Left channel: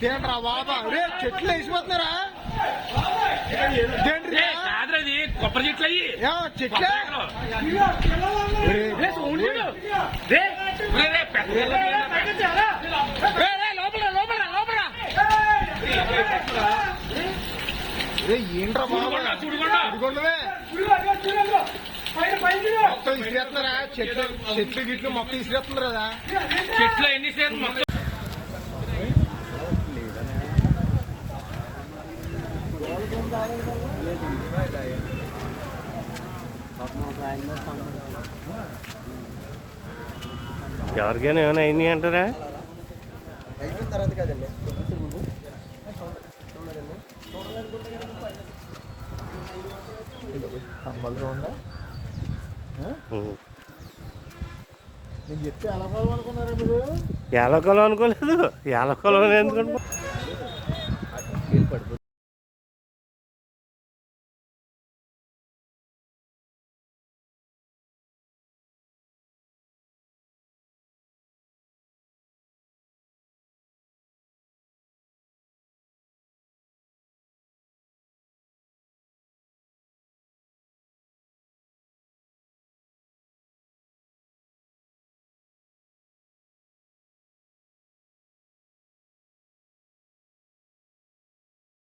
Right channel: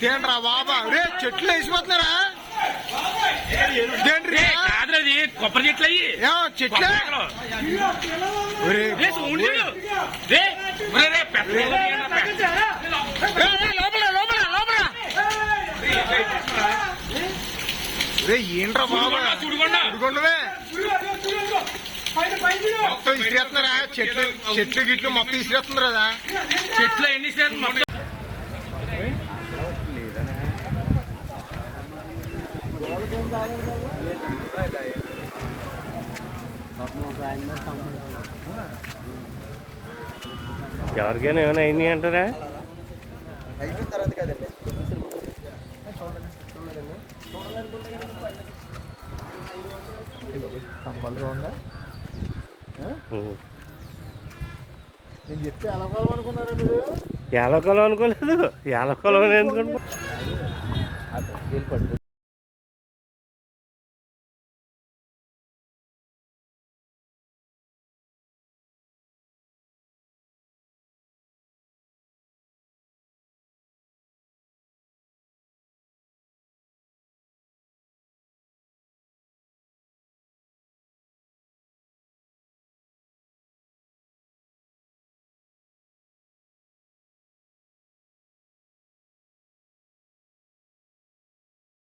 తేండ్రా బాబా రే చెట్లు వేసిపోతున్నారా కొబ్బరి చెట్లు అయ్యి చెట్లే లోపల లోపల లోపల రే ఏంట్రా బాబా. మొత్తం ఇసిరేస్తున్నారా? చెట్లు చెట్లు గిట్లు మొత్తం ఇసిరేస్తున్నారు కదా చెట్లు ఎన్ని ఎవరికైనా ఏమైనా అయింది అంటారా? అయిపోయిన తర్వాత కదండి నేను చెప్తే ఎలా అనుకున్నారా మీరు? అనుకోలేదు. ఎందుకు అనుకో